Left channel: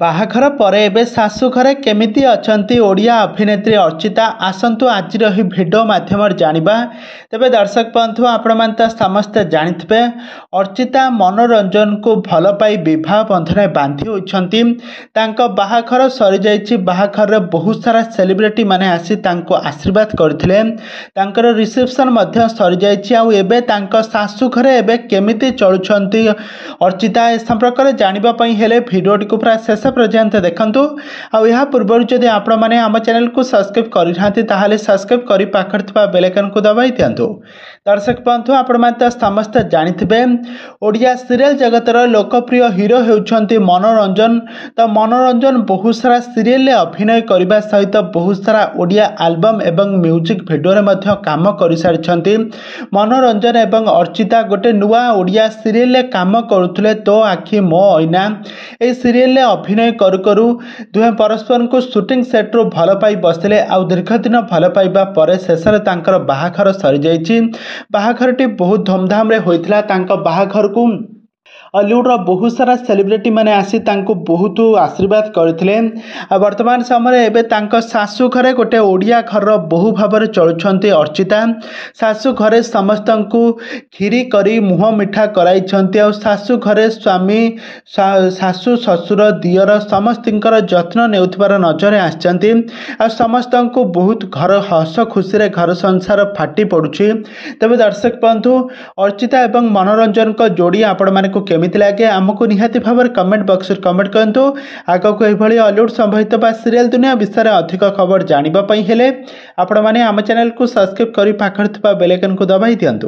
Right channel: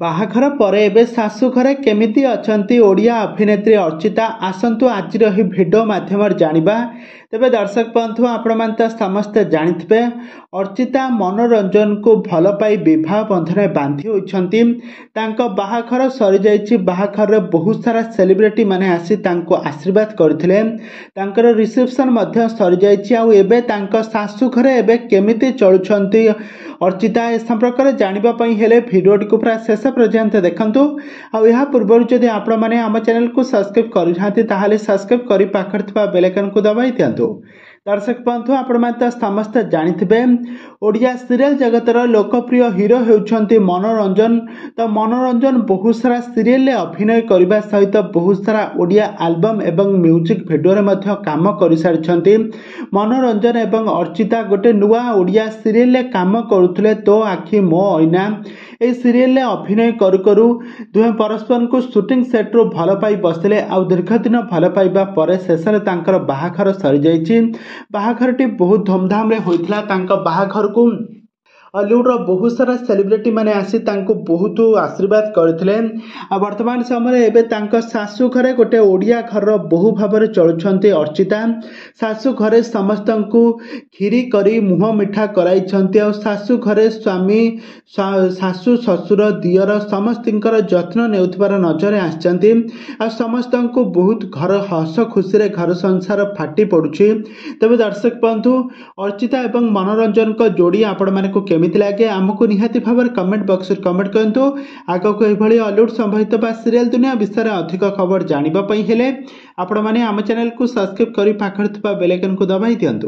ବାହାଘର ପରେ ଏବେ ଶାଶୁ ଘରେ କେମିତି ଅଛନ୍ତି ଓଡ଼ିଆ ଅଭିନେତ୍ରୀ ଅର୍ଚ୍ଚିତା ଆସନ୍ତୁ ଆଜିର ଏହି ଭିଡ଼ିଓ ମାଧ୍ୟମରେ ଜାଣିବା। ତେବେ ଦର୍ଶକ ବନ୍ଧୁ ଆପଣମାନେ ତ ସମସ୍ତେ ଜାଣିଥିବେ ଅର୍ଚ୍ଚିତା ମନୋରଞ୍ଜନକୁ ଭଲ ପାଇ ବିବାହ ବନ୍ଧନରେ ବାନ୍ଧି ହୋଇଛନ୍ତି। ତାଙ୍କ ବାହାଘର ସରିଯାଇଛି। ବାହାଘରରେ ବହୁତ ସାରା ସେଲିବ୍ରିଟି ମାନେ ଆସି ତାଙ୍କୁ ଆଶୀର୍ବାଦ କରିଥିଲେ। ତାଙ୍କର ରିସେପସନ୍ ମଧ୍ୟ ସରିଯାଇଛି। ଆଉ ଏବେ ତାଙ୍କ ଶାଶୁ ଘରେ ଏବେ କେମିତି ଚଳୁଛନ୍ତି ଅର୍ଚ୍ଚିତା ଏ ସମ୍ପର୍କରେ ଜାଣିବା ପାଇଁ ହେଲେ ଭିଡ଼ିଓଟିକୁ ପୁରା ଶେଷ पर्यंत देखंतु। आ या पूर्व जदि आपण माने आम चैनल को सब्सक्राइब करि नाथि ताहाले सब्सक्राइब करि पाखर थवा बेल आइकन को दबाई दियंतु। दर्शक बंधु आपण माने त समस्त जानिथिबे ओडिया सीरियल जगतर लोकप्रिय हीरो हेउछंती मनोरंजन। त मनोरंजन बहुत सारा सीरियल ले अभिनय करबा सहित बहुत सारा ओडिया एल्बम एवं म्यूजिक वीडियो रे मध्ये काम करि सारिछंती। मनोरंजन एवं अर्चिता गोटे नुआ ओडिया सीरियल ले काम करुथले तो आखि मो आईना। ए सीरियल ले अभिनय करू करू दुहे परस्पर को शूटिंग सेट रो भल पाई बसले। आ दीर्घ दिन भल पाइबा परे शेषरे तांकर बाहाघर सरी जाइछि। बाहाघरटी बहुत धूमधाम रे होइथिला। तांकर बाहाघर को हॉलीवुड बहुत सारा सेलिब्रिटी मैंने आसी तांको बहुत आशीर्वाद करथिले। वर्तमान समय एबे तांको सासु घरे गोटे ओडिया घर बहु भाव में चलुछंती अर्चिता। सासु घरे समस्त को खीरी करी मुह मिठा कराई छंती। आ सासु घरे स्वामी सासु ससुर दियर समस्तिंकर जत्न नेउथिबार नजर आछंती। आ समस्त को बहुत घर हस खुशी रे घर संसार फाटी पड़ुछि। तबे दर्शक बंधु अर्चिता एवं मनोरंजन को जोड़ी आपण माने को केमिति लागे आमको निहाती भाव कमेंट बॉक्स रे कमेंट करंतु। आगो को एभली हॉलीवुड संबंधित बा सीरियल दुनिया विषय रे अधिक खबर जानिबा पई हेले आपण माने आम चैनल को सब्सक्राइब करी पाखर थबा बेल आइकन को दबाई दियंतु।